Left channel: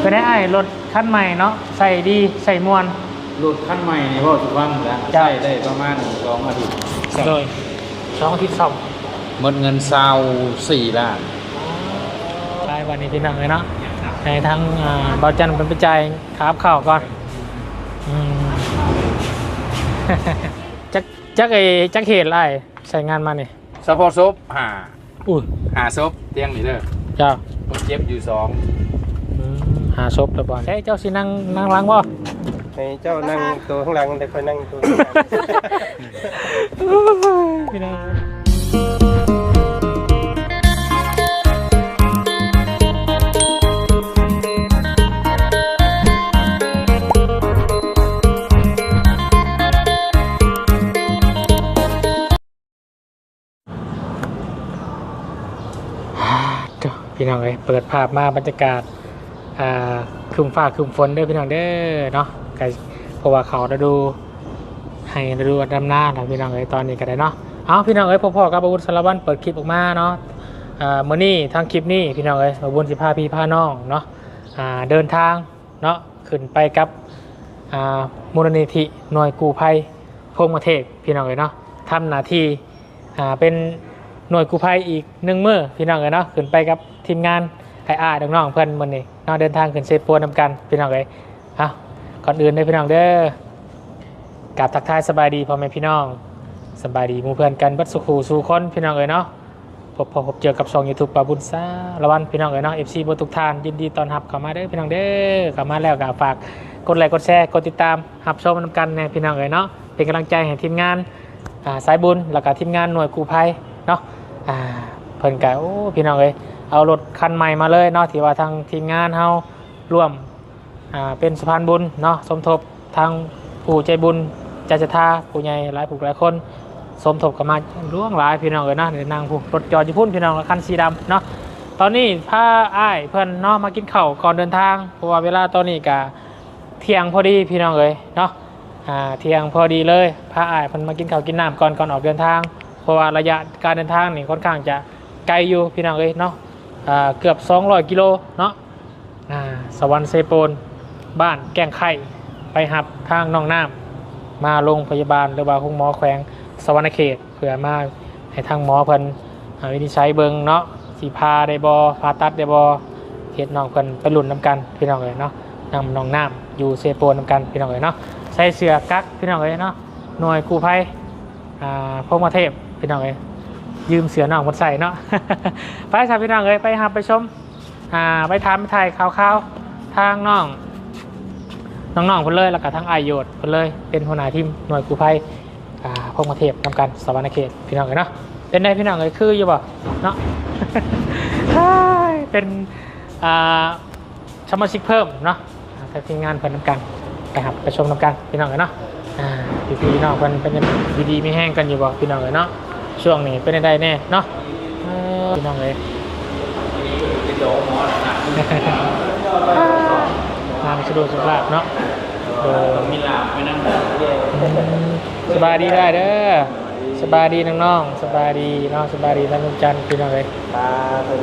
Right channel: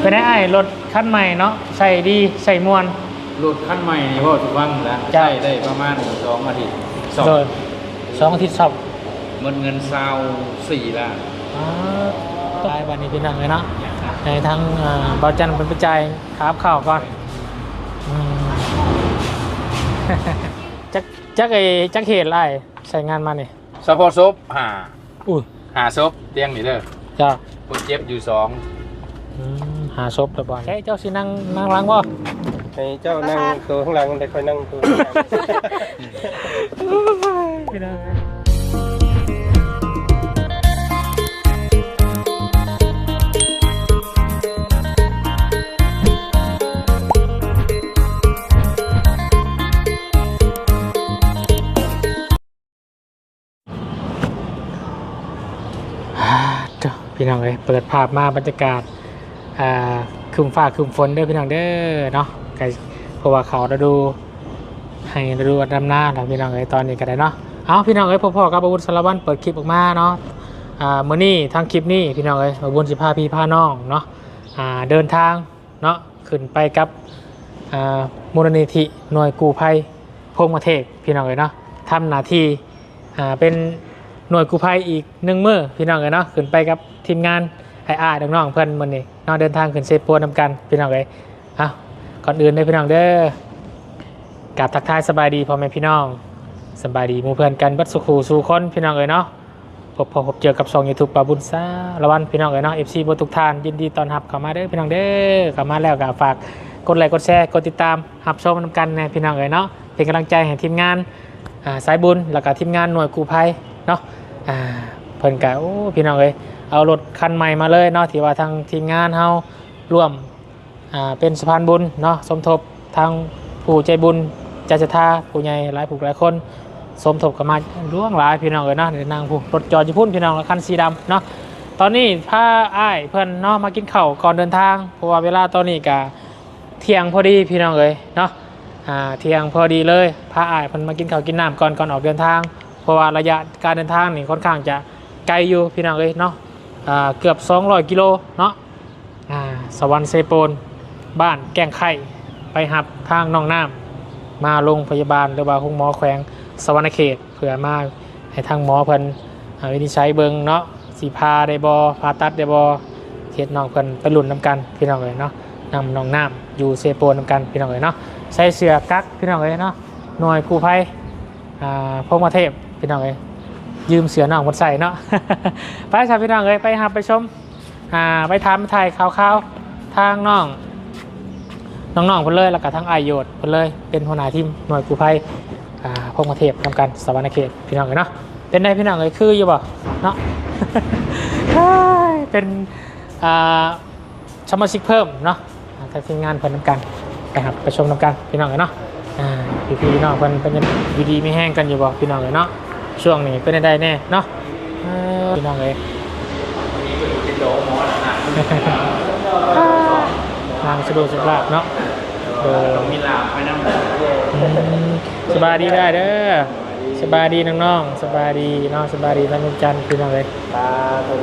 เป็นไงไอ้รถคันใหม่เนาะใส่ดีใส่มวน รถคันใหม่นี่ว่าสุฟังแล้วจ้ะ ใช้ได้ประมาณสองอาทิตย์สองโดยสองอาทิตย์สองหมดเงินซาวสี่ล้านตายวันนี้พี่น้องเลยเนาะในทั้งอ่าบอจันเป็นไปจ่ายครับข่าวก่อนอืม จักจักไอ้จักเหตุอะไรใส่งานมานี่สปอร์ตซบหาอุ้ยหาซบเตียงนี่เด้อเจ้าคนเจ็บอยู่สองอืม หาศพไปบ่อยเฮ้ยเจ้าสินั่งนั่งหล้างบ่ให้เจ้านั่งตัวข้างหลังแต่คอยนั่งตัวข้างหลังพี่น้องอ่าเจ้าพี่น้องเอ้ยเปิดภาพมาบรรยากาศ อ่าครึมฟ้าครึมฝนเด้อพี่น้องเด้อเนาะไกเพราะว่าเขาจะดูให้ดูดำหน้านะพี่น้องเอ้ยตอนนี้ก็ได้เนาะเอาพี่น้องเอ้ยพ่อๆกับอาวุธสารวัตรเปิดคลิปออกมาเนาะอ่ามื้อนี้ทางคลิปนี้พี่น้องเอ้ยอาวุธสิพาพี่พาน้องเนาะอ่าเดินทางเนาะขึ้นไปกับอ่ามูลนิธิหน่วยกู้ภัยพงประเทศพี่น้องเอ้ยเนาะทำหน้าที่อ่าเป็นหน่วยกู้ภัยอีกหนึ่งมือพี่น้องเอ้ยเนาะขึ้นไปกับทีมงานไอ้อาดังน้องเพื่อนมื้อนี้ นาะเดินทางขึ้นเซปัวนำกันพี่น้องเอ้ยอะก่อนอื่นเด้พี่น้องเด้อกับทักทายสบายดีพ่อแม่พี่น้องสบายดีมู่เพื่อนกันบัดสุขูสู่คนพี่น้องเอ๋ยเนาะพบพอพบเจอกับซองยูทูบปาบุญซาละวันพี่น้องเอ๋ยเนาะเอฟซีบทุกท่านยินดีตอนรับเข้ามาเด้อพี่น้องเด้อเข้ามาแล้วก็ฝากกดไลค์กดแชร์กดติดตามรับชมนำกันในพี่น้องเอ๋ยเนาะเป็นกำลังใจให้ทีมงานอ่าสายบุญแล้วก็ทีมงานหน่วยกู้ภัยเนาะอ่าเพิ่นก็โอ้พี่น้องเอ๋ย เอารถคันใหม่มาเลยเนาะที่ว่าทางทีมงานเฮาร่วมเป็นสะพานบุญเนาะสมทบทางผู้ใจบุญใจศรัทธาผู้ใหญ่หลายผู้หลายคน สมทบกันมาล่วงหลายพี่น้องเลยเนาะเดี๋ยวนางผู้รถจอดอยู่พุ่นพี่น้องคันสีดำเนาะตอนนี้พาอ้ายเพื่อนเนาะมากินข้าวก่อนเดินทางเพราะว่าเวลาตอนนี้กะเที่ยงพอดีพี่น้องเลยเนาะอ่าเที่ยงพอดีเลยพาอ้ายเพื่อนมากินข้าวกินน้ำก่อนก่อนออกเดินทาง เพราะว่าระยะการเดินทางนี่ค่อนข้างจะไกลอยู่พี่น้องเลยเนาะ เกือบ 200 กิโลเนาะสวรรค์เซโปน บ้านแก้งไข่ไปหับทางน้องน้ำมาโรงพยาบาลหรือว่าห้องหมอแขวงสวรรณเขตเผื่อมาให้ทางหมอเพิ่นวินิจฉัยเบิงเนาะสีพาได้บอผ่าตัดได้บอเฮ็ดน้องเพิ่นไปหลุนน้ำกันพี่น้องเลยเนาะนำน้องน้ำอยู่เซโปนน้ำกันพี่น้องเลยเนาะใส่เสื้อกั๊กพี่น้องเลยเนาะหน่วยกู้ภัยพงมาเทพพี่น้องเลย ยืมเสือน้องมาใส่เนาะไปครับพี่น้องเลยไปหับไปชมอ่าไปทำถ่ายข่าวๆทางน้องน้องๆเพิ่นเลยแล้วก็ทั้งอายโยดเพิ่นเลยเป็นหัวหน้าทีมหน่วยกู้ภัยอ่าพงประเทศทำการสวรรณเขตพี่น้องเลยเนาะเป็นไงพี่น้องเลยคืออยู่บ่เนาะเป็นอ่าสมาชิกเพิ่มเนาะทางทีมงานเพิ่อนทำกันนะครับไปชมทำกันพี่น้องเลยเนาะอ่าพี่พี่น้องเพิ่นเป็นกันอยู่ดีไม่แห้งกันอยู่บ่พี่น้องเลยเนาะ ช่วงนี้เป็นได้แน่เนาะเออพี่น้องเลยเป็นโดหมอนะความสะดวกสบายเนาะเออมีลาบไปนั่งเย่อืมสบายดีได้เด้อสบายดีน้องๆสบายดีเนาะสบายดีท่านลุงจันทร์พี่น้องเลยตาเป็น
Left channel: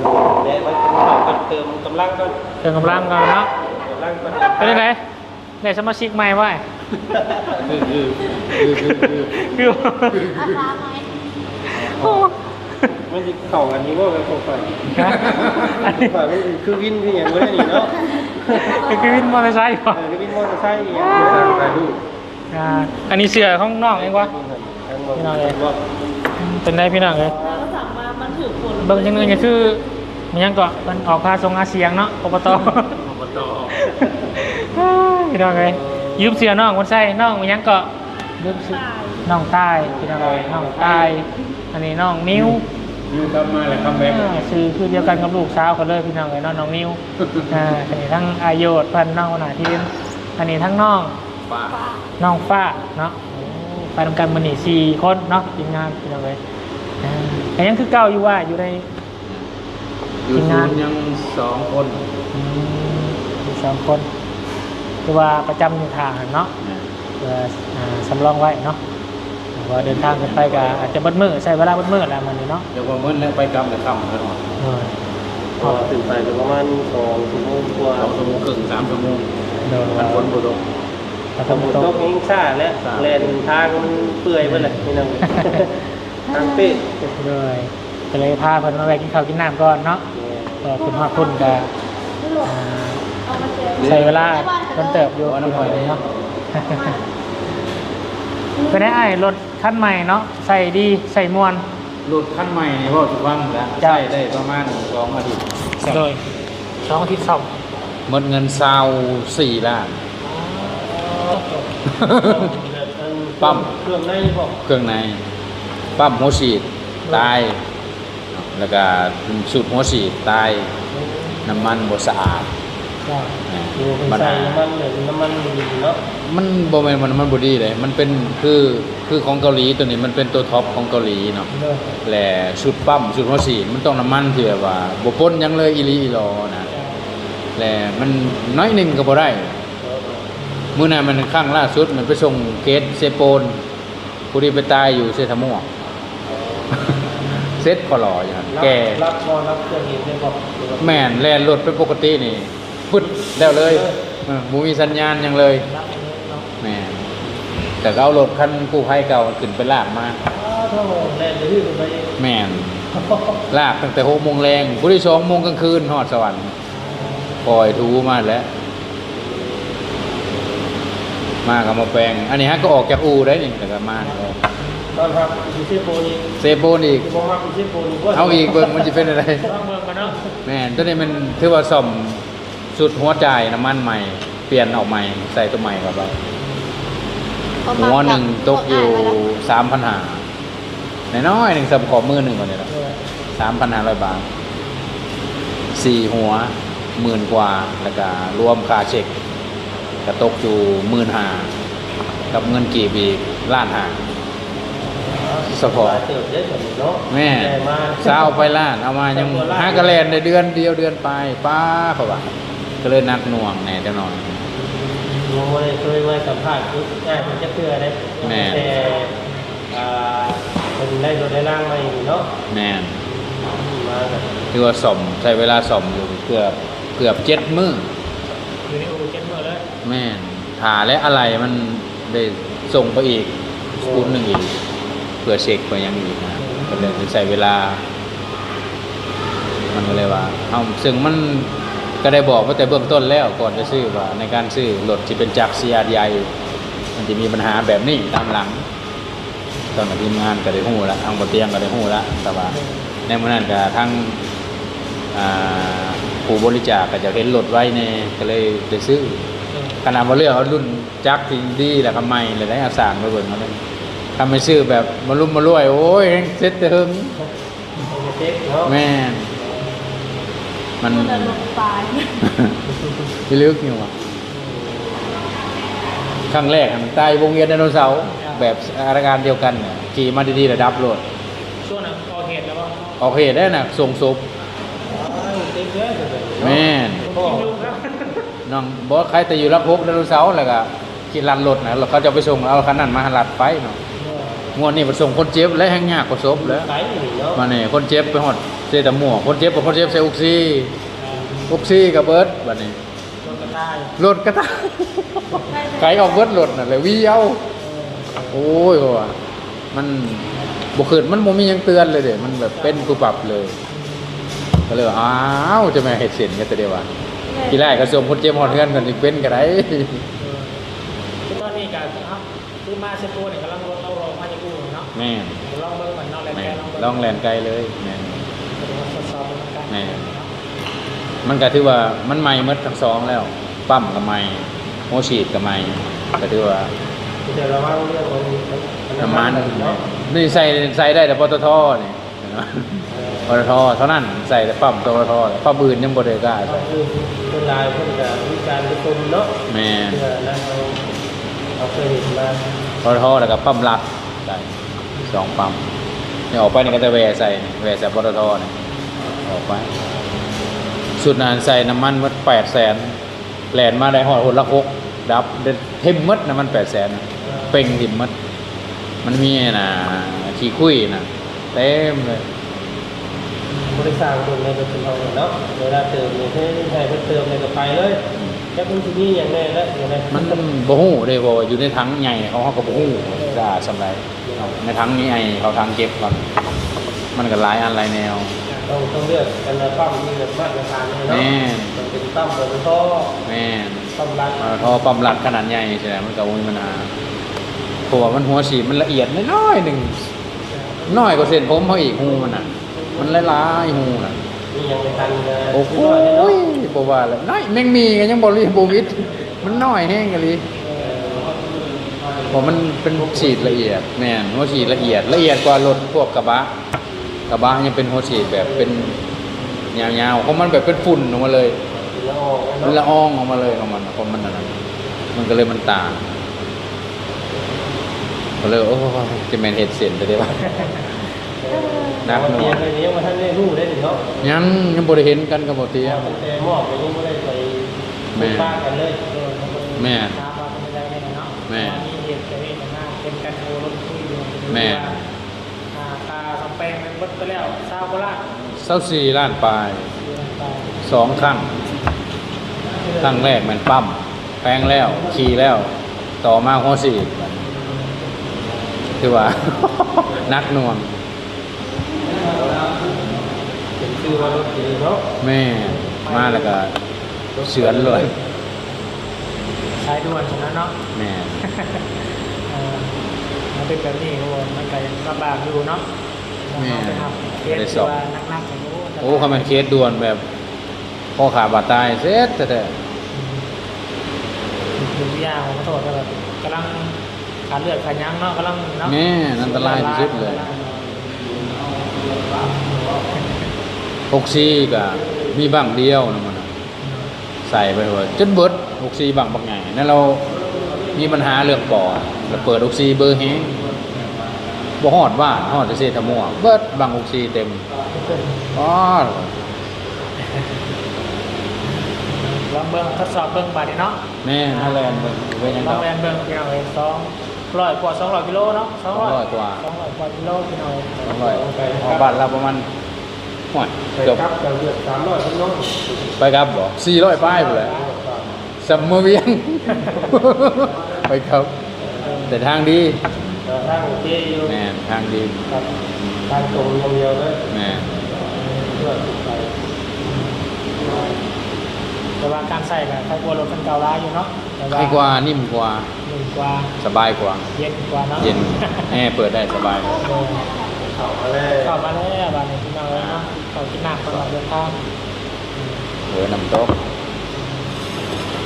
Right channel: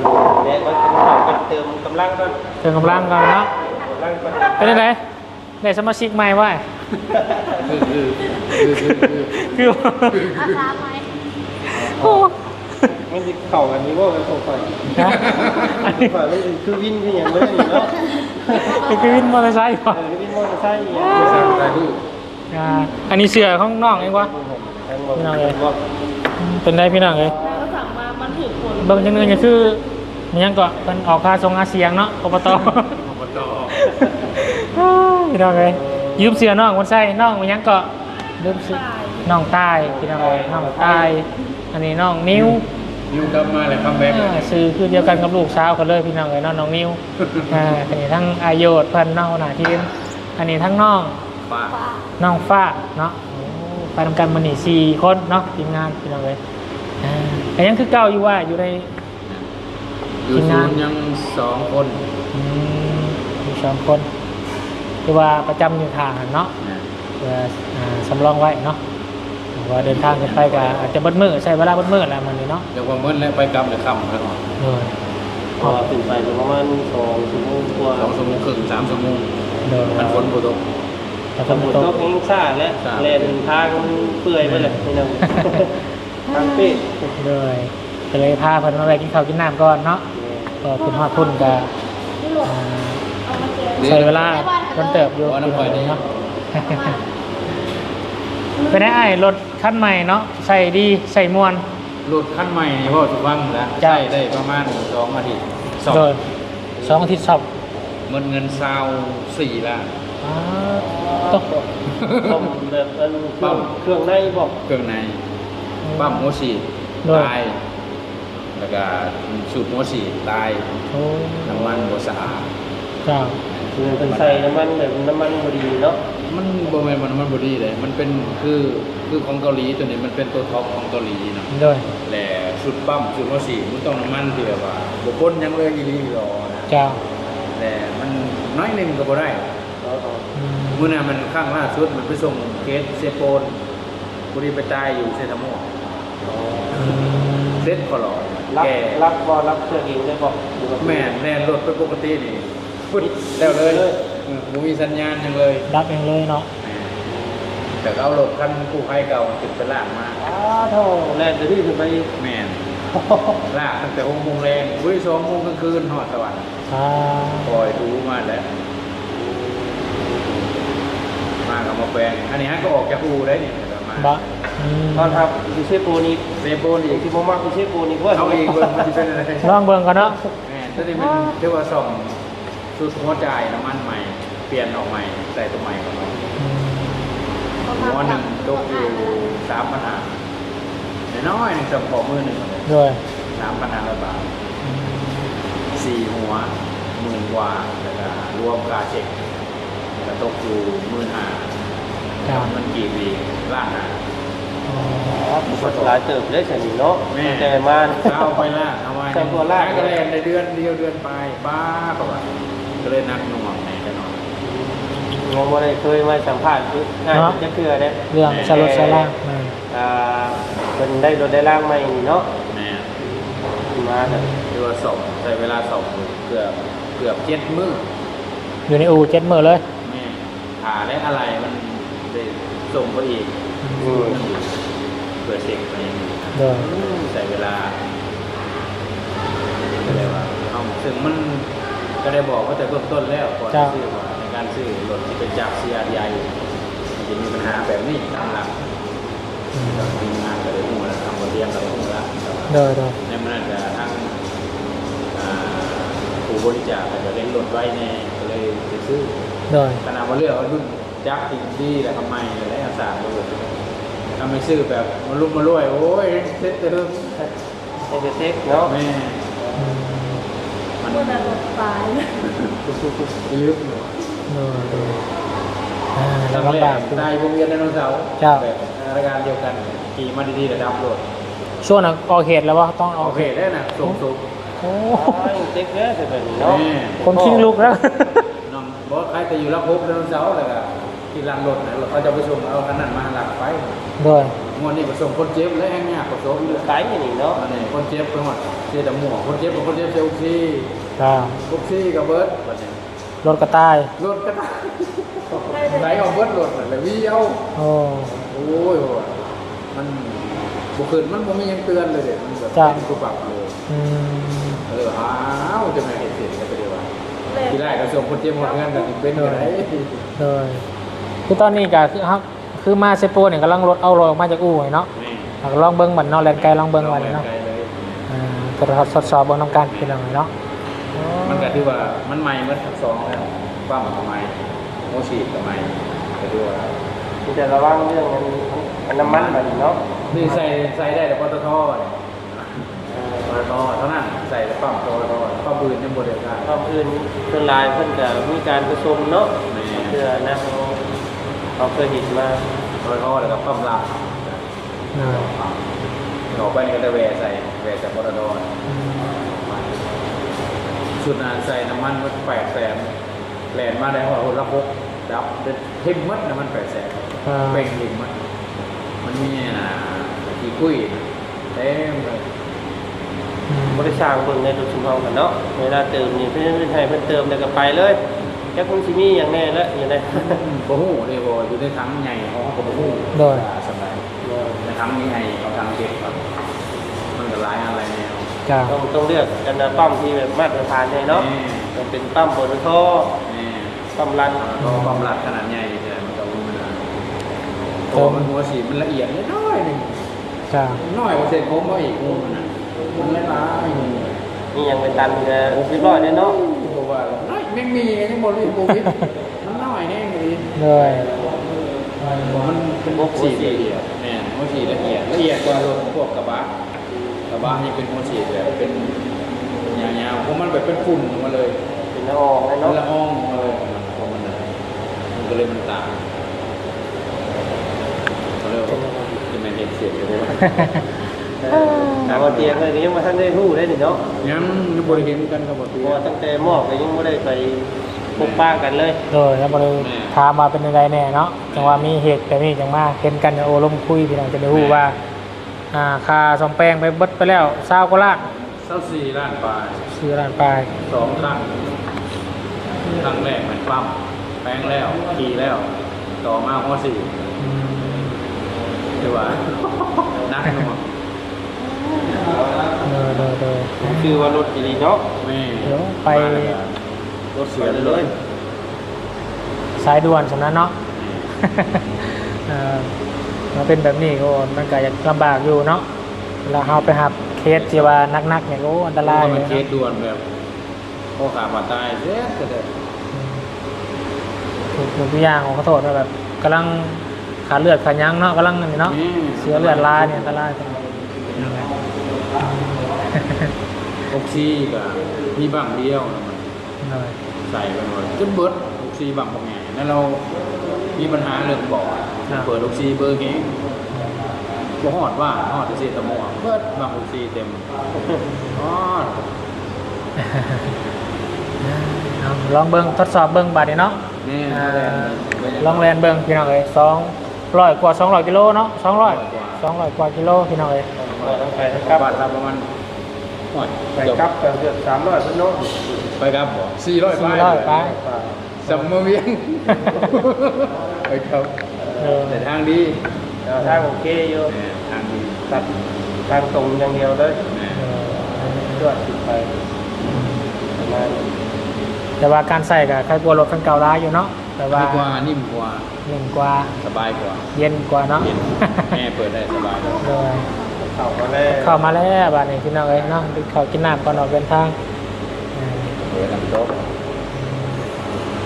แดดก็ต้องเข้ากับเติมกำลังก็เติมกำลังกันเนาะกำลังก็เป็นยังไงได้สมาชิกใหม่ไว้คือคือคือคือคือคือ โอ้มันจะเข้ากันนี่ว่ากันเข้าไปฮะฝ่ายมันคือวินคืออย่างไม่ได้นี่เนาะเป็นคือวินมอเตอร์ไซค์ก่อนคือวินมอเตอร์ไซค์อย่างไม่สร้างได้ดูอ่าอันนี้เสือของน้องเองวะพี่น้องเลยว่าเป็นได้พี่น้องเองแล้วก็สั่งมา มันถือผลเบิ่งจังเลยเนี่ยคือมันยังก็มันออกค่าทรงอาเซียงเนาะอบตอบตพี่น้องเลยยืมเสียน้องคนใส่น้องมันยังก็ยืมเสีย น้องใต้พี่น้องเลยน้องใต้อันนี้น้องนิ้วยูกลับมาแล้วคัมแบ็กอ่าซื้อคือเดียวกันกับลูกสาวกันเลยพี่น้องเลยเนาะน้องนิ้วอ่าอันนี้ทั้งอายุเพันน้องขนาดที่อันนี้ทั้งน้องป้าน้องฟ้าเนาะโอ้ไปทำกันมันนี่สี่คนเนาะทีมงานพี่น้องเลยอ่าแต่ยังคือเก่าอยู่ว่าอยู่ในอยู่ศูนย์ยังสองคนอืมมีสองคนคือว่าประจำอยู่ทางเนาะเพื่ออ่าสำรองไว้เนาะ ว่าเดินทางกันไปก็อาจจะเบัดมือใช้เวลาเบัดมือแหละมันนี่เนาะเดี๋ยวว่าเมื่อแล้วไปกลับเดี๋ยวค่ำแล้วพอถึงไปประมาณสองชั่วโมงกว่าสองชั่วโมงครึ่งสามชั่วโมงโดยมันฝนบ่ตกแต่สฝนมุนตตกกยิงซ่าและซ่าแลนทางมันเปื่อยไปเลยพี่น้องทางปีเลยก็เลยพาเพิ่นมาไปกินข้าวกินน้ำก่อนเนาะก็คุณพ่อคุณก็อ่าใช้เวลาเพิ่นเติบอยู่ว่าน้ำข่อยนี่เนาะ ไปได้ไอ้รถคันใหม่เนาะใส่ดีใส่มวน รถคันใหม่นี่พ่อสุฟังแล้วจ้ะใช้ได้ประมาณสองอาทิตย์สองโดยสองทิศสองหมดเงินซาวสี่ล้านตกแบบมันปั๊มเครื่องในบอกเครื่องในปั๊มหัวฉีดตาย แล้วก็สูบหัวฉีดตาย น้ำมันบ่สะอาด จ้าเนี่ยเงินไปใส่น้ำมันเลยน้ำมันดีเนาะมันบ่แม่นว่าน้ำมันบ่ดีเลย มันเป็นคือคือของเกาหลีตัวนี้มันเป็นตัวท็อปของเกาหลีเนาะโดยแหละชุดปั๊มชุดหัวฉีดมันต้องน้ำมันที่แบบว่าบ่ปนหยังเลยอีหลีอีหลอนะจ้าแหละมันน้อยหนึงก็บ่ได้มื้อนั้นมันข้างล่าสุดมันไปส่งเกตเซโปนกูดีไปตายอยู่เซทามอเซ็ตพอหล่ออย่างนั้นรักแกรักรอรักเครื่องยิงได้บอกหรือว่าแม่นแล่นรถไปปกตินี่ พุ่นแล้วเลยเออบ่มีสัญญาณหยังเลยรับเองเลยเนาะแม่นแต่ก็เอารถคันกู้ภัยเก่าขึ้นไปลากมาอ้าวถ้าว่าแลนจะที่ขึ้นไปแม่นลากตั้งแต่หกโมงแรงบุรีสองโมงกลางคืนหอดสวรรค์อ่าปล่อยทูมาแล้ว มากับมาแปลง อันนี้ฮะก็ออกจากอูได้นี่แต่ก็มาบักอืมนอนครับดิเช่ตัวนี้เซโบนอีกที่ผมว่าดิเช่ตัวนี้เอาอีกเบิร์มันจะเป็นอะไรลองเบิ่งกันเนาะแม่นตัวนี้มันถือว่าซ่อม สุดหัวใจายน้ำมันใหม่ เปลี่ยนออกใหม่ ใส่ตัวใหม่กับเราหัวหนึ่งตกอยู่สามพันห้าน้อยๆหนึ่งสำขอบมือหนึ่งก่อนเนี่ยนะโดยสามพันห้าร้อยบาทสี่หัวหมื่นกว่าแล้วก็รวมค่าเช็คกระตกอยู่หมื่นห้ากับเงินกี่ปีล้านห้าสปอร์ตเติมได้ฉันเนาะแม่แต่มาเช้าไปล้านเอามายังห้ากระแลนในเดือนเดียวเดือนไปป้าเขาว่า ก็เลยนักหน่วงแน่แน่นอนยังไม่ได้เคยมาสัมภาษณ์ทุกงานจะเชื่อได้เรื่องสรุปสาระอืมอ่าเป็นได้รถได้ร่างใหม่เนาะแน่นมาเลยคือว่าส่อมใช้เวลาส่อมอยู่เกือบเกือบเจ็ดมื้ออยู่ในอู่เจ็ดมือเลยแม่นหาและอะไรมันได้ส่งไปอีกรุ่นหนึ่งอีกเพื่อเช็คไปยังอีกนะโดยใส่เวลามันก็เลยว่าเอาซึ่งมัน ก็ได้บอกว่าแต่เบื้องต้นแล้วก่อนจะซื้อว่าในการซื้อรถที่เป็นจาก CRDI มันจะมีปัญหาแบบนี้ตามหลังตอนทีมงานก็ได้หู้แล้วทางบนเตียงก็ได้หู้แล้วแต่ว่าโดยโดยในเมื่อนั้นก็ทั้งอ่าผู้บริจาคก็จะเห็นรถไว้เนี่ยก็เลยไปซื้อโดยขนาดว่าเลือกเอารุ่นจักรจริงดีแล้วก็ไม่เลยได้อาสามไปเบิ่งมันทำไม่ซื้อแบบมารุ่มมารวยโอ้ยเซ็ตเติมเป็นเซ็กเนาะแม่ มันควรจะลงไปพิลึกอยู่ว่ะครั้งแรกตายวงเวียนไดโนเสาร์ครับ แบบอาการเดียวกันขี่มาดีๆระดับรถช่วงนั้นออกเหตุแล้วว่าต้องโอเคได้น่ะส่งศพโอ้เซ็กแค่จะเป็นแม่คนคิงลุกแล้ว น้องบอสใครแต่อยู่รับพบไดโนเสาร์แล้วก็กินรันรถนะแล้วเขาจะไปส่งเอาคันนั้นมาหันหลัดไปเนาะ โดย งวดนี้ไปส่งคนเจ็บและแห้งยากกว่าศพแล้วไกด์นี่เนาะมาเนี่ยคนเจ็บไปหอดเจตาหมวกคนเจ็บกับคนเจ็บใส่อุกซี่อ่าอุกซี่กับเบิร์ดบัดนี้รถกระต่ายรถก็ตายไกลออกเบิร์ดรถน่ะเลยวิ่งเอาโอ้โอ้ยว่ามันบุคืนมันบ่มีหยังเตือนเลยเด็มันแบบจ้ะเป็นกูปรับเลยอืมก็เลยว่าอ้าวจะมาเห็ดเสียนกันแต่เดียวว่าทีแรกก็ส่งคนเจ็บหอดเพื่อนกันอีกเป็นกันได้โดยคือตอนนี้ก็คือครับ คือมาเซโปเนี่ยกำลังรถเอารถออกมาจากอู่เนาะแม่ลองเบิ้งบันเนาะแลนไกลลองเบิ้งลองบันแลนเนาะไกลเลยอืมก็ทดสอบสอบเบิ้งน้ำกันทีนึงเนาะมันก็ถือว่ามันใหม่หมดทั้งสองแล้วปั๊มก็ใหม่โมฉีดก็ใหม่ก็ถือว่าจะระวังเรื่องน้ำมันเนาะนี่ใส่ใส่ได้แต่ปตทเนี่ยปตทเท่านั้นใส่แต่ปั๊มปตทปั๊มอื่นยังบ่ได้ได้ต้องอื่นเป็นลายเพิ่นจะมีการประชุมเนาะแม่เพื่อนะ เราเคยเห็นมาปตทแล้วก็ปั๊มหลักกันสองปั๊มเนี่ยออกไปนี่ก็จะแวะใส่แวะใส่ปตทเนี่ยออกไปสุดนานใส่น้ำมันมันแปดแสนแลนมาได้หอดหนละคุกดับเด็ดเทมมัดน้ำมันแปดแสนเป่งดิมมัดมันมีไอ้น่ะขี้คุยน่ะเต็มเลยบริษัทเบิ่งในตัวชุมเราเนาะเวลาเติมเนี่ยเพื่อนให้เพิ่นเติมแล้วก็ไปเลย แค่มันสิมีอย่างแน่แล้วอยู่ในมันบ่ฮู้เด้บ่ว่าอยู่ในถังใหญ่เขาก็บ่ฮู้ว่าสำไรในถังใหญ่เขาทำเก็บก่อนมันก็หลายอันหลายแนวจ้าต้องต้องเลือกอันนั้นปั๊มที่แบบมาตรฐานเลยเนาะแม่เป็นปั๊มหัวท่อแม่ปั๊มรังพอความรัดขนาดใหญ่ใช่ไหมมันก็มีปัญหาตัวมันหัวฉีดมันละเอียดน้อยๆหนึ่งจ้าน้อยกว่าเส้นผมเขาอีกหูมันอะมันละลายหูน่ะ มีอย่างในการนะโอ้โหเรียบร้อยเลยเนาะบอกว่าแล้วน้อยแม่งมีกันยังบริบูวิทมันน้อยแห้งกันเลยเลยผมมันเป็นฉีดละเอียดแม่นหัวฉีดละเอียดละเอียดกว่ารถพวกกระบะกระบะยังเป็นหัวฉีดแบบเป็นยาวๆเพราะมันแบบเป็นฝุ่นออกมาเลยเป็นละอองมันละอองออกมาเลยของมันของมันอันนั้นมันก็เลยมันต่างก็เลยโอ้จะแมนเห็ดเสียนจะได้ป่ะแต่ว่าเตียงอะไรนี้ยังไม่ทันได้รู้ได้เนาะยังยังบริเห็นกันกับบเตียว่าตั้งแต่มอกยังไม่ได้ไปบุกบ้ากันเลยเลยแล้วบริแม่ถามมาเป็นยังไงแน่เนาะแม่แต่ว่ามีเหตุแต่นี่อย่างมากเป็นกันโอลมคุยพี่น้องจะรู้ว่าอ่าค่าสองแปลงไปเบิดไปแล้วเศร้าก็ละเศร้าสี่ล้านปลายสี่ล้านไปสองครั้งครั้งแรกมันปั๊มแปลงแล้วขี่แล้ว ต่อมาข้อสี่คือว่านักนวง คือว่ารถดีๆเนาะแม่มาแล้วก็เสือนเลยสายด่วนสำนั้นเนาะแม่เอ่อมาเป็นแบบนี้โอ้มันก็จะลำบากอยู่เนาะเวลาเราไปหับเคสที่ว่านักๆอย่างโอ้อันตโอ้รายเขาเป็นเคสด่วนแบบพ่อขาบาดตายเสร็จแต่ผมตัวอย่างของกระโดดแบบกำลังขาเลือดขายั้งเนาะกำลังนี่เนาะแม่อันเสืตอเลืราอยดลายสุดอันเลตราย ยหกซีก็มีบังเดียวนะมันเออใส่ไปเลยจนเบิดหกซีบังบักไงนั่นเรามีปัญหาเรื่องบ่อเราเปิดหกซีเบอร์เฮงบ่ฮอดว่าฮอดจะเซตะม่วงเบิดบังหกซีเต็มอ๋อลองเบิ้งทดสอบเบิ้งบาดนี้เนาะแม่นั่นแหละลองแลนเบิ้งพี่น้องเอ้ยสองร้อยกว่าสองร้อยกิโลเนาะสองร้อยกว่าสองร้อยกว่ากิโลพี่น้องเอ้ยไปบ้านเราประมาณ หอยไปเกือบครับเกือบสามร้อยพี่น้องไปครับบ่สี่ร้อยป้ายเลยสัมมาเวียงไปครับเออแต่ทางดีทางโอเคอยู่แม่ทางดีครับทางตรงอย่างเดียวเลยแม่ก็ติดไปแต่ว่าการใส่กับใครกลัวรถคันเก่าร้ายอยู่เนาะแต่ง่ายกว่านิ่มกว่าเย็นกว่าสบายกว่า เย็นกว่าเนาะเย็นแม่เปิดได้สบาย เออเข้ามาเลยเข้ามาแล้วบ้านนี้พี่น้องเอ้ยเนาะเข้ากินน้ำก่อนออกเดินทางอืมเออน้ำโต๊ะ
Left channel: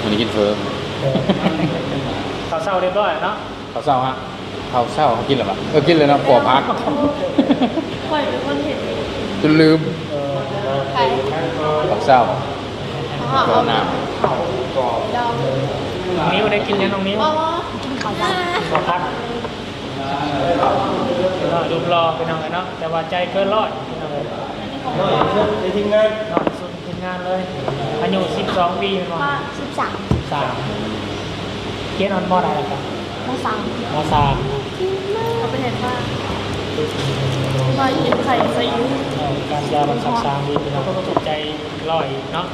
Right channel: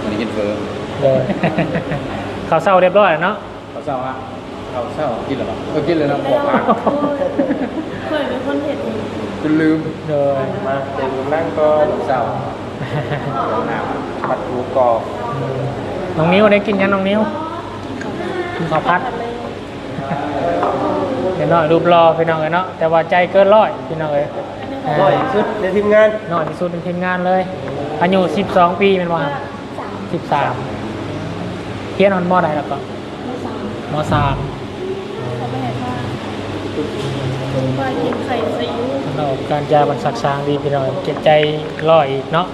มันนี้กินเพิ่มเออเขาเศร้าเรียบร้อยเนาะเขาเศร้าฮะเขาเศร้าเขากินเลยปะเออกินเลยนะขอพักข่อยเป็นคนเห็นจนลืมเออมาเป็นนั่งก็เขาเศร้าเพราะขอเอาน้ผัดหมูกรอบน้องนิ้วได้กินยังน้องนิ้วว่าว่ากินข้าวบ้านข้าวพัด เห็นเนาะรูปรอพี่น้องเอ้ยเนาะแต่ว่าใจเกินร้อยพี่น้องเอ้ยก็อีกชุดในทีมงานน้อยที่สุดในทีมงานเลยอายุ12 ปีเป็นว่าว่าสิบสาม13เรียนออนมอใดนะครับมาสั่งมสามเขาไปเห็นว่าก็เห็นใส่ใส่ยูเราการยาบรรสักสร้างดีพี่น้องจิตใจร้อยอีกเนาะ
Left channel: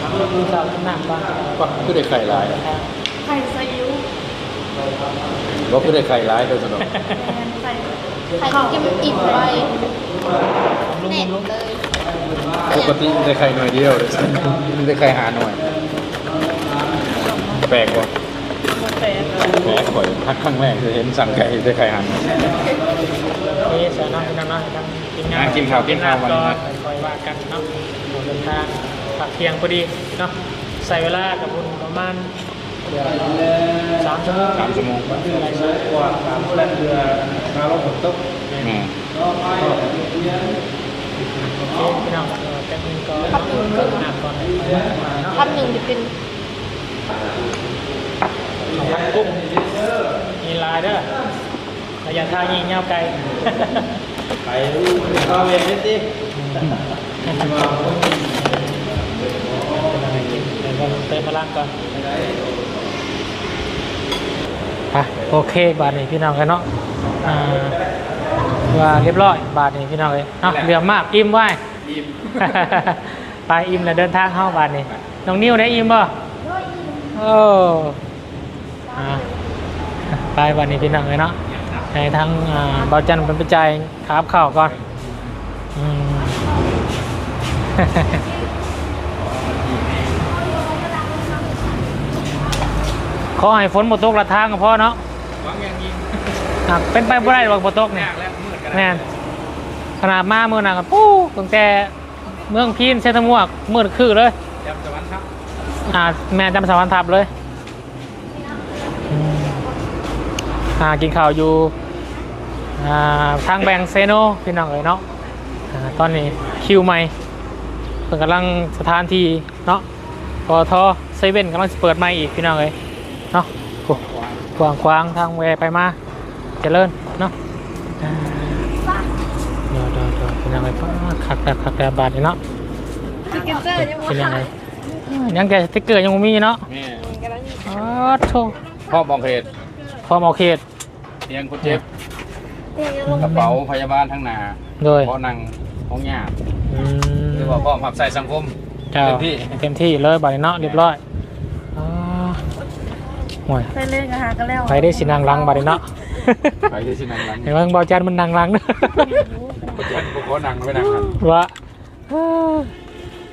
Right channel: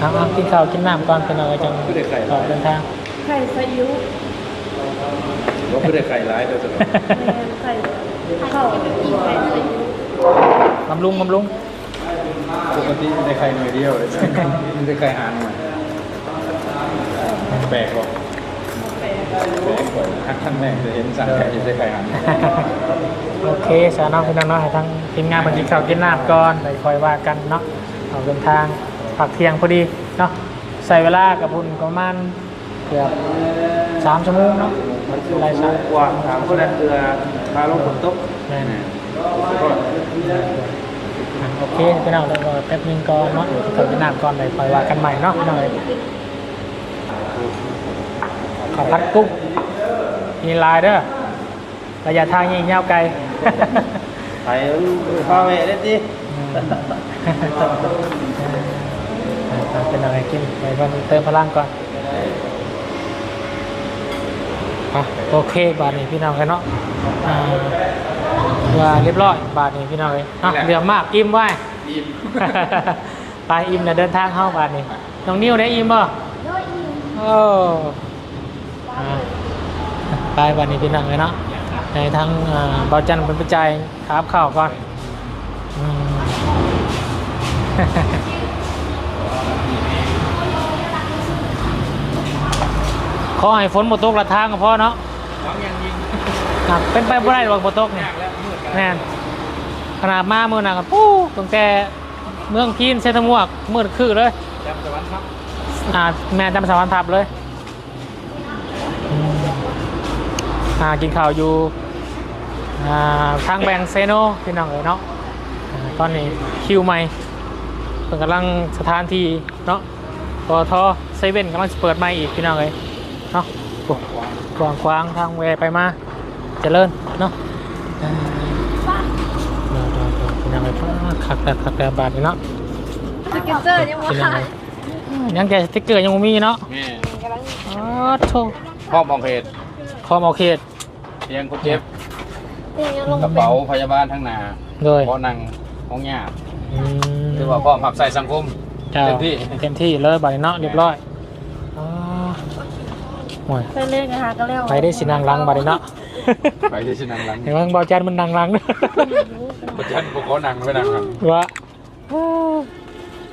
ครับที่ข้าวกินน้ำก่อนเป็นอะไรำก็คือได้ไข่ร้ายเดินทางไข่ใส่ยู ก็คือได้ไข่ร้ายโดยตลอดแมนใส่ไข่กินกินไปเลยบำรุงบำรุงปกติได้ไข่หน่อยเดียวเลยได้ไข่หาหน่อย แปลกกว่าแปลกกว่าครั้งครั้งแรกเลยเห็นสั่งไข่ได้ไข่หาหน่อยโอเคสาวน้องพี่น้องเนาะให้ทั้งทีมงานมากินข้าวกินน้ำก่อนไปคอยว่ากันเนาะเอาเดินทางผักเที่ยงพอดีเนาะใส่เวลากับคุณประมาณเกือบ สามชั่วโมงเนาะมันคืออะไรมากกว่าสามคนนั้นคือทางรถขนตุ๊กแม่โอเคพี่น้องแล้วก็แป๊บนึงก่อนเนาะเกิดหน้ำก่อนเลยคอยว่ากันใหม่เนาะขอพัดกุ้งมีลายเด้อระยะทางยิงยาไกลไปพ่อแม่เล่นดิเป็นอะไรกินเดี๋ยวก็เติมพลังก่อน โอเคบาทนี้พี่น้องกันเนาะอ่าว่าเรียบร้อยบาทนี้พี่น้องเลยเนาะเหลือมากอิ่มไว้อิ่มไปอิ่มแล้วเดินทางเข้าบาทนี้น้องนิ้วได้อิ่มบ่โอ้อ่าไปบาทนี้พี่น้องเลยเนาะในทั้งอ่าบอจันเป็นปัจจัยครับข่าวก่อน ขอให้ฝนหมดตกละทางก็พอเนาะอะเป็นไปบ่ได้หรอกหมดตกเนี่ยแม่นขนาดมาเมื่อนั้นก็ปู้ตั้งแต่เมืองพีนเซตมวกมืดคือเลย จำสวรรค์ครับอ่าแม่จำสวรรค์ทับเลยอืมอ่ากินข้าวอยู่อ่าทางแบงเซโนพี่น้องเอ๋ยเนาะอ่าตอนนี้คิวใหม่เพิ่นกำลังสถานที่เนาะปอทเซเว่นกำลังจะเปิดใหม่อีกพี่น้องเอ๋ย เนาะโอ้กว้างขวางทางแวไปมาเจริญเนาะอ่าเดี๋ยวๆๆพี่น้องเอ๋ยฟ้าคักแต่คักแต่บาทนี่เนาะสเก็ตเจอร์ยังพี่น้องว่าเอ๋ยยังแต่สติ๊กเกอร์ยังบ่มีเนาะแม่กำลังอ๋อโธ่พ่อมองเพจคอมเอาเขตเตียงคนเจ็บเตียงยังลงกระเป๋าพยาบาลทั้งหนาโดยเพราะนั่งห้องยากอืมคือว่าพ่อมหับใส่สังคมจ้าเต็มที่เต็มที่เลยบาดนี้เนาะเรียบร้อยอ๋อ โอ้ยไปเล่นกันหากันแล้วไปได้สินางรังบาดนี้เนาะไปที่สินังหลังเห็นว่าบอจันมันนางรังคนจันพวกเขานั่งไม่นั่งครับว่าเอ้อ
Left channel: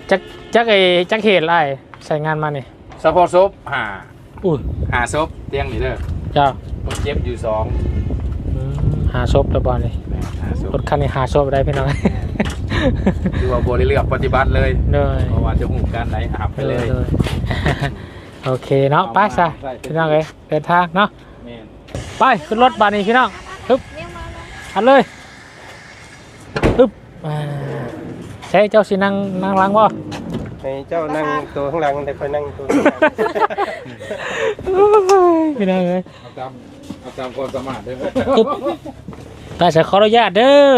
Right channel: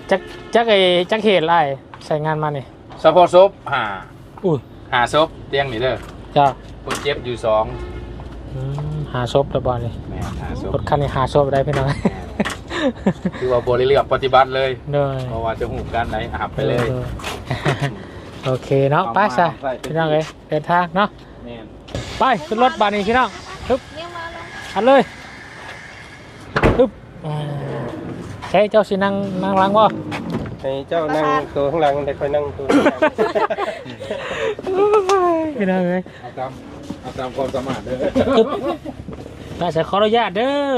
จักจักไอ้จักเหตุอะไรใส่งานมานี่สปอร์ตซบหาอุ้ยหาซบเตียงนี่เด้อจ้าคนเจ็บอยู่สองอืมหาศพไปบอลนี่แม่หาซบรถคันนี้หาศพได้พี่น้องคือว่าบริเลือกปฏิบัติเลย เด้อเพราะว่าจะหูด้านไหนหับไปเลยด้อ โอเคเนาะไปซะเอามาใส่พี่น้องเอ้ยเดินทางเนาะแม่นไปขึ้นรถบาดนี้พี่น้องปึ๊บเรียกมาแล้วอันเลยปึ๊บอ่าใช่เจ้าสินั่งนั่งหล้างบ่ให้เจ้านั่งตัวข้างหลังแต่คอยนั่งตัวข้างหลังไม่ได้เลยเอาตามเอาตามความสามารถเด้อปึ๊บได้จะขออนุญาตเด้อ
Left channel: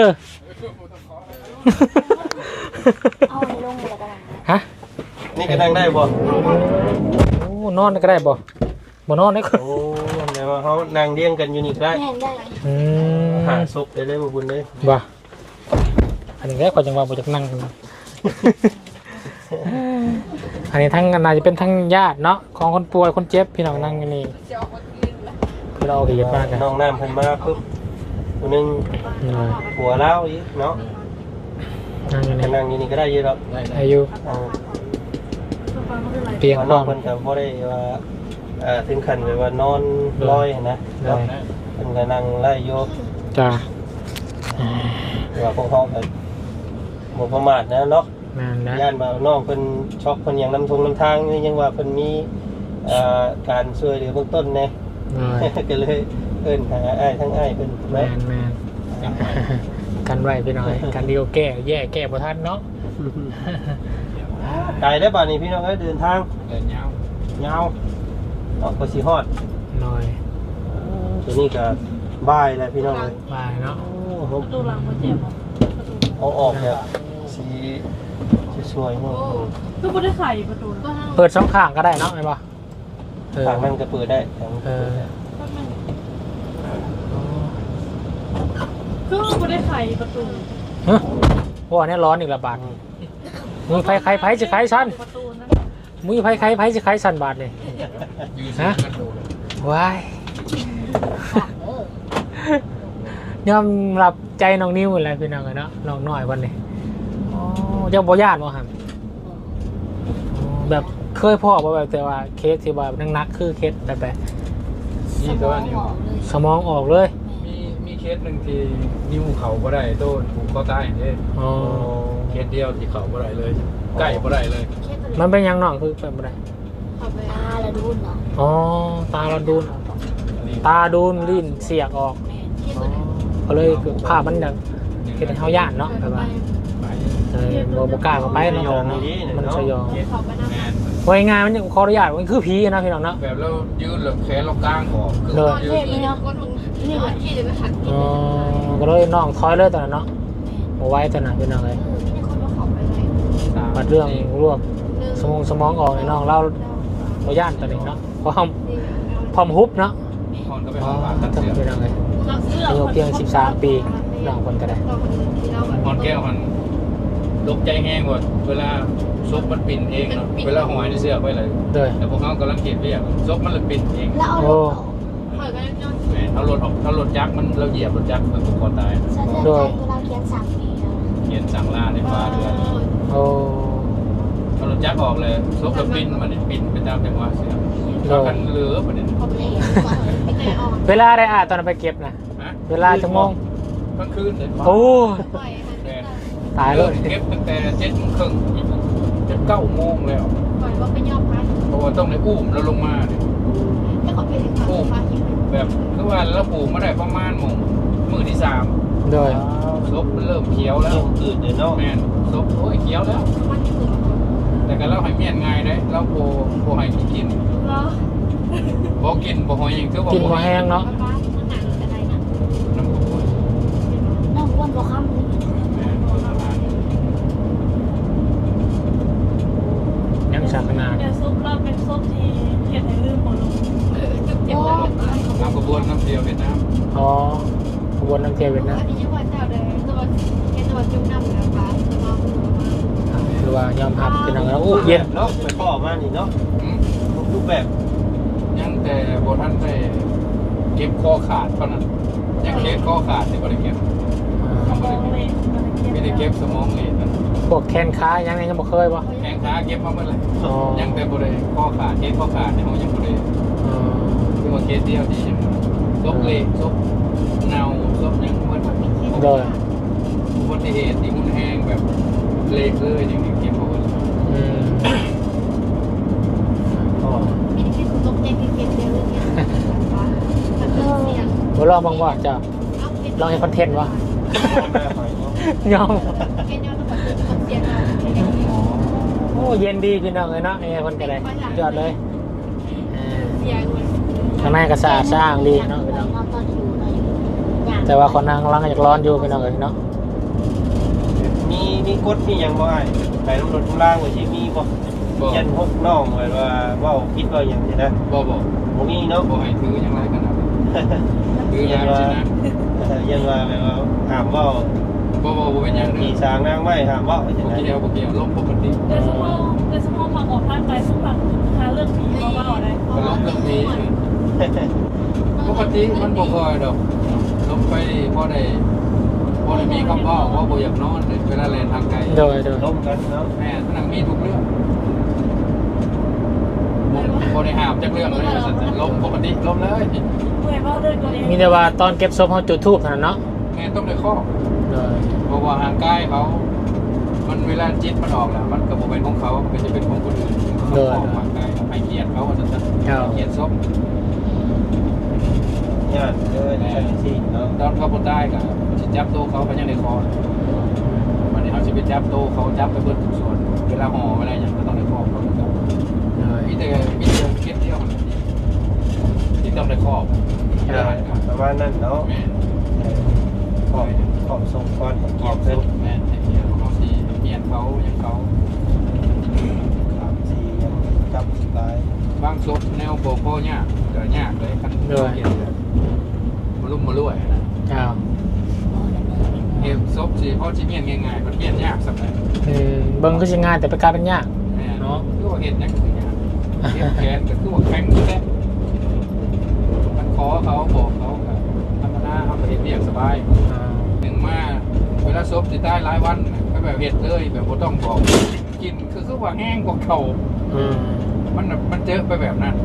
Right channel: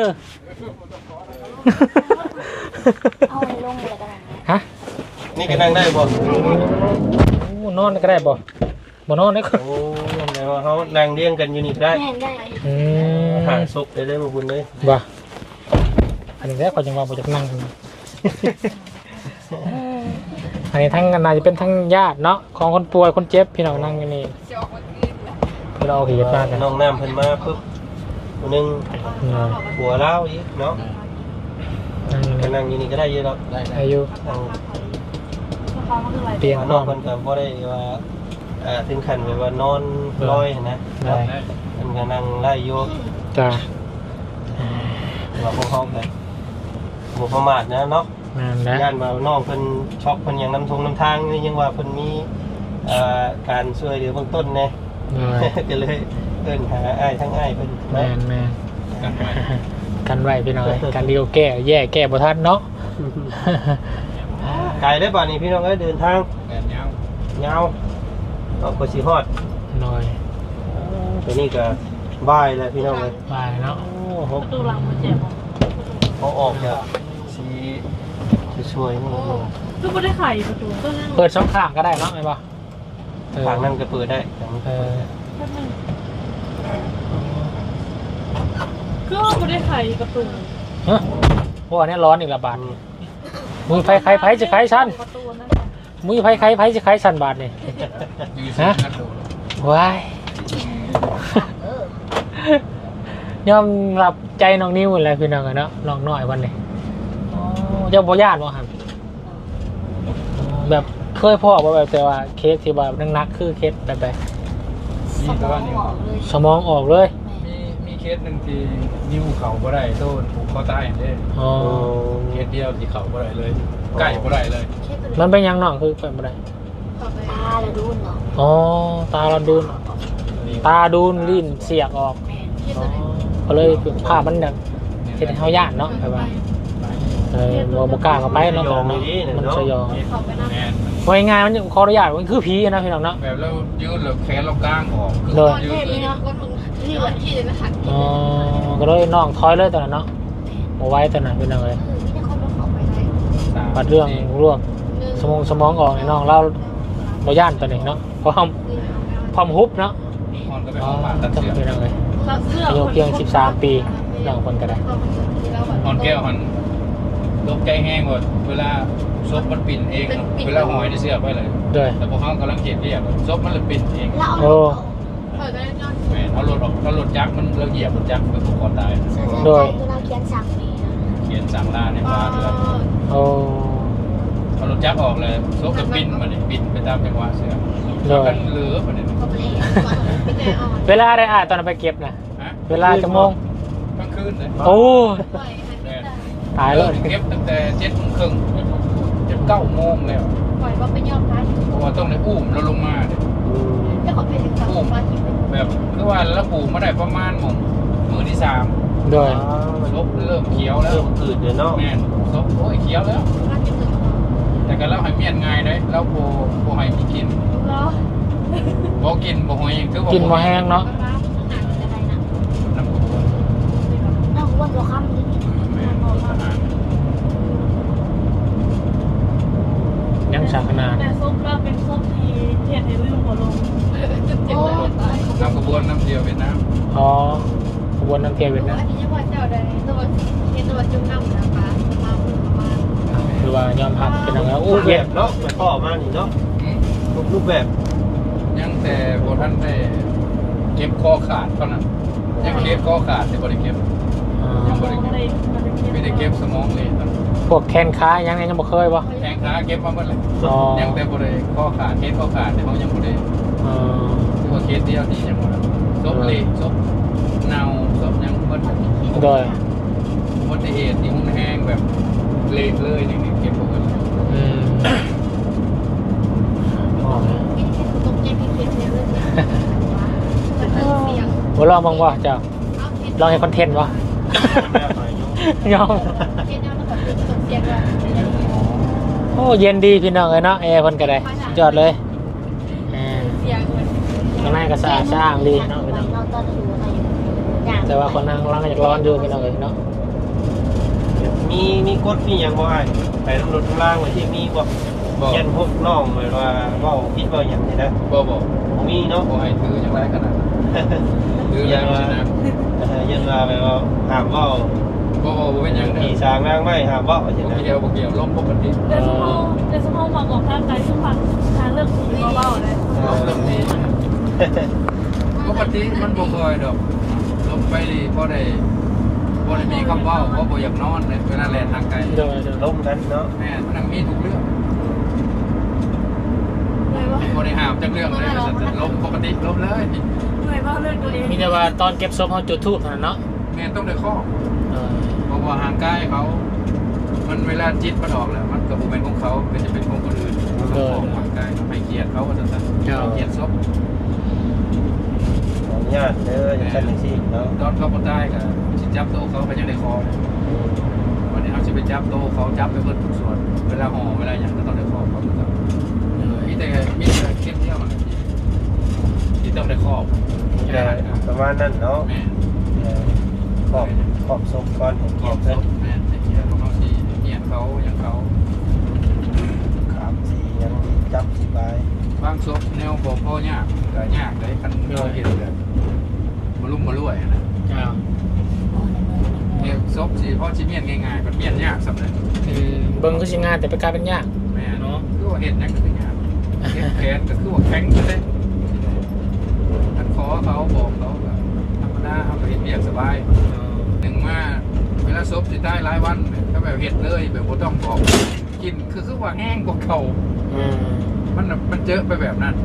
เอาไว้ลงเลยกันฮะนี่ก็นั่งได้บ่โอ้ นอนก็ได้บ่บ่นอนได้ก็โอ้แม่ว่าเขานั่งเรียงกันอยู่นี่ก็ได้แม่นได้อืมหาศพได้เลยบ่บุญเลยบ่อันนี้แรกก่อนจังว่าบ่จักนั่ง อันนี้ทั้งน่าจะเป็นทั้งญาติเนาะของคนป่วยคนเจ็บพี่น้องนั่งอยู่นี่คือเราเอาเหตุมากนะน้องน้ำเพิ่นมาปุ๊บผู้หนึงหน่อยหัวเล้าอีกเนาะนั่งอยู่ก็นี่นั่งอยู่นี่ก็ได้เยอะแล้วได้ได้อายุเอา ฟังก็คืออะไรเตียงพน้ร้อองมเพิ่นก็บ่ได้ว่าเอ่อถึงขั้นแบบว่านอนลอยนะได้ เพิ่นก็นั่งไล่โยจ้าว่าพวกเขาไปบ่ประมาทนะเนาะ นั่นแหละย่านมาน้องเพิ่นช็อกเพิ่นหยังนำทงนำทางนี่ยังว่าเพิ่นมีเอ่อการช่วยเหลือเบื้องต้นแน่เลย ก็เลยเอิ้นหาอ้ายทั้งอ้ายเพิ่นแมเนาะนแมนกันไว้พี่น้อย กันเดียวแก้ แย่แก้บ่ทันเนาะ ไกลได้ป่านนี้พี่น้องเอ้ยเดินทางเดินยาวยาวเอาก็สิฮอดหน่อยเดี๋ยวนี้ก็บ่ายแล้วพี่น้องเอ้ยบายเนาะดูหลังมันเจ็บเอาออกแบบสีสวยๆนี่คือไม่ได้ไข่ประตูเปิดสองข้างก็ได้เนาะไอ้บ่เออทางนั้นก็เปิดได้ทางนั้นเออคือไม่ได้ไข่ประตูฮะเพราะว่านี้ร้อนอีกละบาทนี่ มือไฟไฟไฟจะไฟชันประตูนั่นมือไฟไฟไฟจะไฟชันบาทนี่อยู่สิงคโปร์ว้ายยอมรับใจน้องนิ้วหมดเลยพี่น้องอะเนาะน้องน้อยวันนี้อ๋อเจ้าบ่ญาติบ่ครับอ๋อแบบเคยพ่อบ่แบบแต่ว่าเคสที่แบบนักๆคือเคสแบบแบบนี่ตัวนี้สมองออกเลยมีมี เคสหนึ่งที่นิ้วเขาบ่ได้โต้นผูกคอตายเด้อ๋อเคสเดียวที่เขาบ่ได้เลยใกล้บ่ได้เลยมันเป็นหยังน้องคือเป็นบ่ได้ตาละดูนเนาะอ๋อตาเราดูนตาดูนลิ้นเสียกออกอ๋อก็เลยภาพมันแบบเห็นเฮาย่านเนาะแบบว่าเออบ่บ่กล้าเข้าไปเนาะแบบเนาะมันสยองขอบไปนะแม่นมันว่าง่ายๆมันขออนุญาตมันคือผีนะพี่น้องเนาะแบบแล้วยืดแล้วแขนเรากลางออกเลยยืเทดพเล นี่ยเนาะก็มึงนี่แหละที่จะหันอ๋อก็เลยน้องถอยเลยตอนนั้นเนาะบ่ไหว้ตอนนั้นพี่น้องเอ้ยที่คนมาขอไปได้สามบัดเรื่องรวบสมองสมองออกในน้องเราบ่ย่านตอนนี้เนาะเพราะพร้อมฮุบเนาะคนก็ไปอ๋อห้องผ่าตัดจังเสียพี่น้องเอ้ยรักเสื้ออายุเพียง13ปีน้องคนก็ได้เราคนที่เราแบบหอนแก้วมันตกใจแห้งหมดเวลาซบมันปิ่นเองเนาะเวลาหอยในเสื้อไปเลยโดยแต่พวกเขากำลังเก็บเรียบซบมันเลยปิ่นเองแล้วเอาโอ้เปิดก็ยังยอดแม่นเอารถออกเอารถยักษ์มันเราเหยียบรถยักษ์มันก็คอตายสะเทือนใจคือเราเขียนสั่งเองนะเขียนสั่งล่าในฟ้าเดือนโอ้เอารถยักษ์ออกเลยซบแล้วปิ่นมันเนี่ยปิ่นไปตามจังหวะเสื้อโดยกันเหลือมันเนี่ยเขาไม่ได้เห็นว่าไม่ใจอ่อนเวลาได้อ่านตอนนั้นไปเก็บนะฮะเวลาจังโมงกลางคืนเลยโอ้ปล่อยมันแม่นตายเลยเก็บตั้งแต่เจ็ดโมงครึ่งเจ็ดเก้าโมงแล้วปล่อยว่าเป็นยอดพักเพราะว่าต้องในอุ้มแล้วลงมาเนี่ย แต่เขาเป็นสัตว์ปลาคิดเป็นแบบคือว่าแล้วปลูกมาได้ประมาณหมงมือที่สามโดยซบเริ่มเขียวแล้วเริ่มอืดเลยเนาะแม่นซบโอ้ยเขียวแล้ว ปลาคิดถึงเขาแต่กันเล่าให้เมียนง่ายเลยแล้วโบโบให้กินเราบ่กินบ่หอยคือว่ากินบ่แห้งเนาะปลาหางอะไรนะ น้ำตัว น้องอ้วนบอกคำนี้ แม่นโฆษณา ยังชักนา แต่ซุปเราเป็นซุปที่เทียนในลืมหัวลง เจ็บปวดตาย น้ำกระบวนน้ำเดียวเวียดนาม อ๋อขบว นน้ำเทียวเวียดนามอันนี้ยังว่าเจ้าใดตัวเย็นตัวจุ่มน้ำนะปลามาพูดมาหรือว่ายอมรับเป็นยังไงโอ้เย็นเนาะไปข้อมานี่เนาะรูปแบบยังแต่บ่ทันได้เก็บคอขาดเท่านั้นยังเก็บคอขาดแต่บ่ได้เก็บยังบ่ได้เก็บไม่ได้เก็บสมองเลยพวกแคนค้ายังยังบ่เคยปะแข้งขาเก็บมาหมดเลยอ๋อยังแต่บ่ได้ข้อขาดเคสข้อขาดเนี่ยเขายังบ่ได้อ๋อคือว่าเคสเดียวดีจังหมดซบเละซบ ซบยังบ่โดยอุบัติเหตุที่หุ่นแห้งแบบเละเลยนี่เก็บบ่หมดอืมอ๋อเป็นแค่ตกใจพี่เพียนเดียวเลยเนี่ยมันเสียงบ่ลองบ้างวะเจ้าลองให้คอนเทนต์วะยอมเพียนยอดแล้วก็เสียงเราโอ้เย็นดีพี่น้องเลยเนาะแอร์เพิ่นก็ได้สุดยอดเลยอ่าเสียงเหมือนข้างในก็สะอาดสะอ้างดีเนาะพี่น้อง แต่ว่าคนนั่งร้างก็อยากร้อนอยู่พี่น้องเลยเนาะมีมีกฎมีหยังบ่ไอ้แต่รถข้างล่างว่าสิมีบ่บ่ยันพวกน้องแบบว่าเว้าผิดเว้าหยังนี่นะบ่บ่บ่มีเนาะบ่ให้ถือยังไรขนาดนั้นถือแล้วสินะยังว่าแบบว่าห้ามเว้าบ่บ่บ่เป็นหยังเด้ที่อสร้างนางไว้ห้ามเว้าจังบ่ได๋เกี่ยวบ่เกี่ยวลมปกติแต่สมองแต่สมองมาออกร่างกายสมบัติหาเรื่องผีเบาๆนะลมเริ่มดีนะปกติมันบ่ค่อยดอก ลมไปบ่ได้บ่ได้มีคำเว้าว่าบ่อยากนอนเลยเวลาแล่นทางไกลโดยโดยลมกันเนาะแม่มันนั่งมีทุกเรื่องบ่ได้ห้ามจักเรื่องเลยสัตว์ลมปกติลมเลยเหนื่อยมากเรื่องตัวเองมีแต่ว่าตอนเก็บศพเขาจุดธูปเท่านั้นเนาะแม่ต้องได้ข้อ โดยเพราะว่าห่างกายเขา มันเวลาจิตมันออกแล้ว มันก็บ่เป็นของเขา มันจะเป็นของคนอื่นมันก็ของห่างกายเขาให้เกียรติเขาสัตว์เกียรติศพ ญาติเด้ออย่างนั้นสิเนาะตอนเขาบ่ได้ก็มันสิจับโตวเขาไปยังในคอมันนี้เขาจะไปจับโตวเขาจับไปเบิดทุกส่วนเวลาห่อเวลาอย่างก็ต้องในคอเขาจับโดยมีแต่มีแต่เคสเดียวที่ต้องในคอบญาติกันประมาณนั้นเนาะขอบขอบส่งก่อนขอบเป็นพแม่ให้เกียรติของเขาสิเกียรติเขาอย่างเขาครับสียังจับสบายบางศพแนวโบ่พ่อยากก็ยากเลยคันเห็นแบบมาลุ่มมาลุ่ยนะอ้าวเก็บศพสิเพราะสิเมียนง่ายๆมันเมียนยากสำหรับอืมเบิ่งก็สิงานแต่ไปกลายเป็นยากแม่เนาะคือว่าเห็นนั่นคือยากเห็นแขนก็คือว่าแข็งอยู่แล้วมันขอเขาบอกเขาก็ธรรมดาเขาก็เห็นเมียสบายอ่าหนึ่งมาเวลาศพสิตายหลายวันน่ะก็แบบเห็ดเลยแบบบ่ต้องบอกกินคือคือว่าแห้งกว่าเขาอืมมันน่ะมันเจอไปแบบนั้น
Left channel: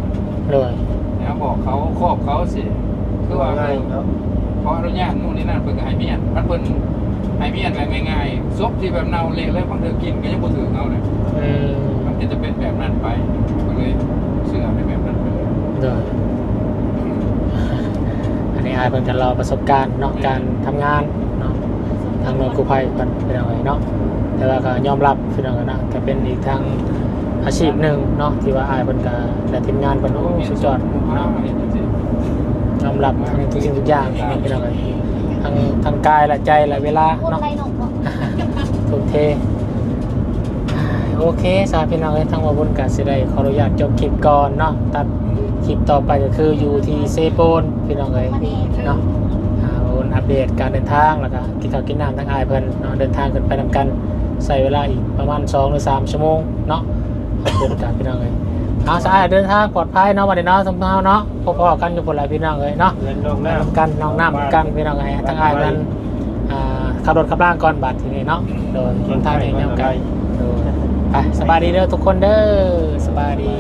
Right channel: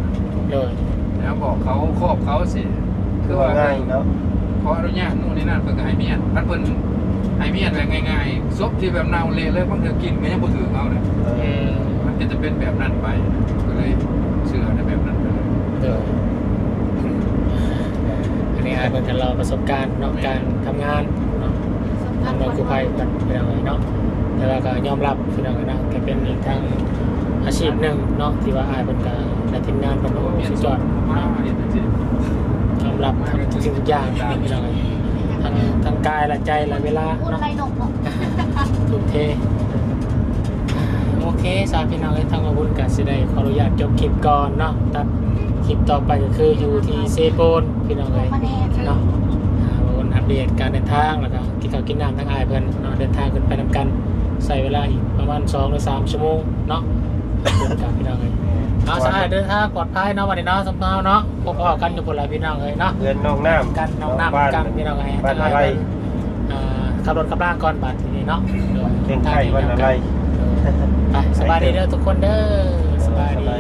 โดยแล้วบอกเขาครอบเขาสิคื อว่าง่ายเนาะขออนุญาตนู่นนี่นั่นเพิ่นก็ให้เมียนมันเพิ่นให้เมียนแบบง่ายๆซบที่แบบเน่าเละเลยบางเทื่อกินก็ยังบ่ถึงเอาเลยอืมมันก็จะเป็นแบบนั้นไปก็เลยเชื่อในแบบนั้นไปเลยโดยอันนี้อาจเป็นการเราประสบการณ์เนาะการทำงานเนาะทางหน่วยกู้ภัยเป็นเป็นอะไรเนาะแต่ว่าก็ยอมรับคือเรานะก็เป็นอีกทางอาชีพหนึ่งเนาะที่ว่าอายเป็นการและทีมงานเป็นโอ้สุดยอดผมว่าเนาะเห็นจังซี่ ยอมรับในทุกสิ่งทุกอย่างนะพี่น้องเอ้ยทั้งทั้งกายและใจและเวลาพูดเนาะ ไรหนกเนาะทุ่มเทโอเคสาพี่น้องเอ้ยทางมาบุญกันสิได้ขออนุญาตจบคลิปก่อนเนาะตัดคลิปต่อไปก็คืออยู่ที่เซโปนพี่น้องเอ้ยเนาะอ่ามาบุญอัดเดตการเดินทางแล้วก็ที่เขาวกินน้ำทั้งอายเพิ่นเนาะเดินทางกันไปนำกันใส่เวลาอีกประมาณ2หรือ3ชั่วโมงเนาะเดินทางพี่น้องเลย เอาสะอาดเดินทางปลอดภัยเนาะวันนี้เนาะสำเนาเนาะพอๆกันอยู่คนหลายพี่น้องเลยเนาะเดือนน้องน้ำกันน้องน้ำกันพี่น้องเลยทั้งอายเพิ่นอ่าขับรถขับล่างก่อนบัตรทีนี้เนาะโดนเรื่องไทยวันอะไรไปสบายดีเด้อทุกคนเด้อสบายดี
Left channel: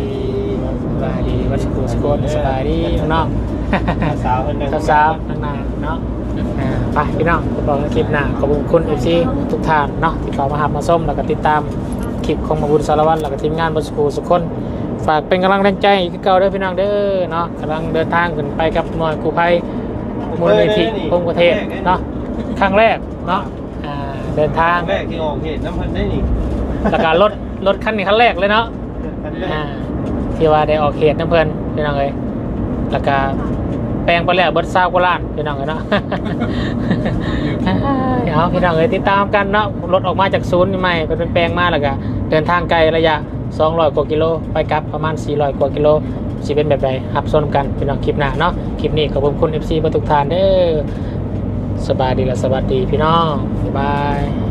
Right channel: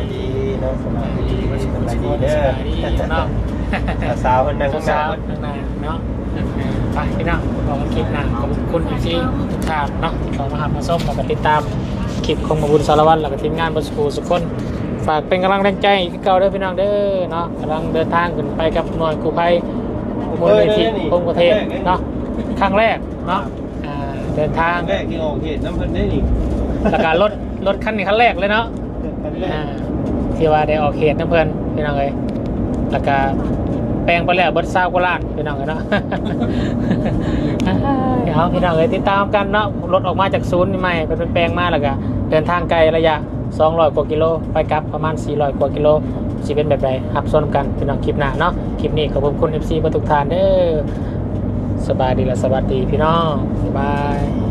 สบายดีวัชกุลสกุลสบายดีเนาะสาวคนนั้นสาวๆนานๆเนาะอ่าไปพี่น้องไปบอกกันคลิปหน้าขอบคุณเอฟซีทุกท่านเนาะที่เขามาหับมาส้มแล้วก็ติดตามคลิปของมาบุญสารวัตรแล้วก็ทีมงานบนสกูสุกคน ฝากเป็นกำลังแรงใจที่เก่าเด้อพี่น้องเด้อเนาะกำลังเดินทางขึ้นไปกับหน่วยกู้ภัยมูลนิธิพงประเทศเนาะครั้งแรกเนาะอ่าเดินทางแรกที่ออกเหตุน้ำพันได้นี่แล้วก็รถรถคันนี้คันแรกเลยเนาะคันแรกอ่าที่ว่าได้ออกเขตนะเพื่อนพี่น้องเลยแล้วก็แปลงไปแล้วเบิดซาวโคราชพี่น้องเลยเนาะเอาพี่น้องเลยติดตามกันเนาะรถออกมาจากศูนย์ใหม่เป็นแปลงมาแล้วก็เดินทางไกลระยะ 200กว่ากิโลไปกลับประมาณ 400 กว่ากิโลสิเป็นแบบใดรับชมกันเป็น้องคลิปหน้าเนาะคลิปนี้ขอบคุณ FC ประทุกทานเด้อสบายดีและสวัสดีพี่น้องบ๊ายบาย